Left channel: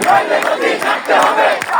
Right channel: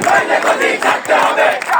Vai, Negodinho, canta, Roberto!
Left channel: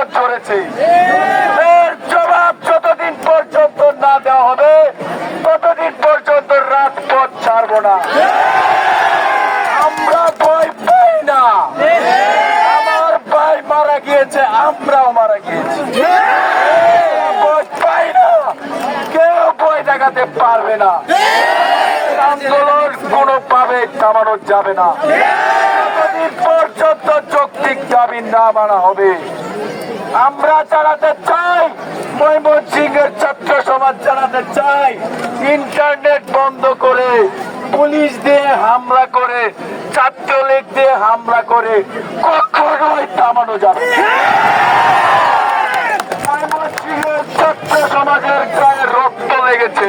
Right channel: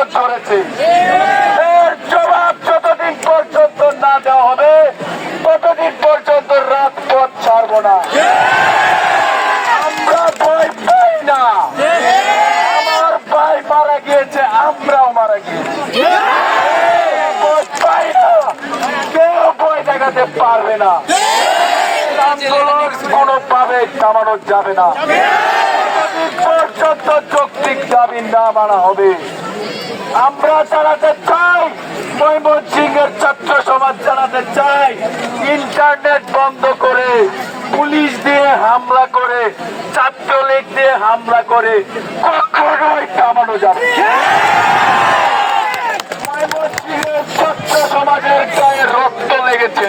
রক্ত ঝরেছে এর জবাব যতদিন পর্যন্ত না দেওয়া হবে, ততদিন পর্যন্ত রাত পথ ছাড়বো না। আমরা ভয় পাই না। আমার ভাই মারা গিয়েছে, আমরাও মারা গিয়েছি। পাই না। কেউ ভয় দেখাতে পারবে না। আন্দোলন কোনোভাবে থামানো যাবে না। পর্যন্ত যৌক্তিক দাবি না মানা হবে আমরা চালাতে চাই ময়মনসিং এর ছাত্র সমাজ চালাতে চাই ইন্টারনেট বন্ধ করে, পুলিশ দিয়ে হামলা করে, ছাত্রলীগ দিয়ে হামলা করে, কখনোই থামানো যাবে না। ময়মনসিংহের ছাত্র সমাজের গায়ে রক্ত লেগেছে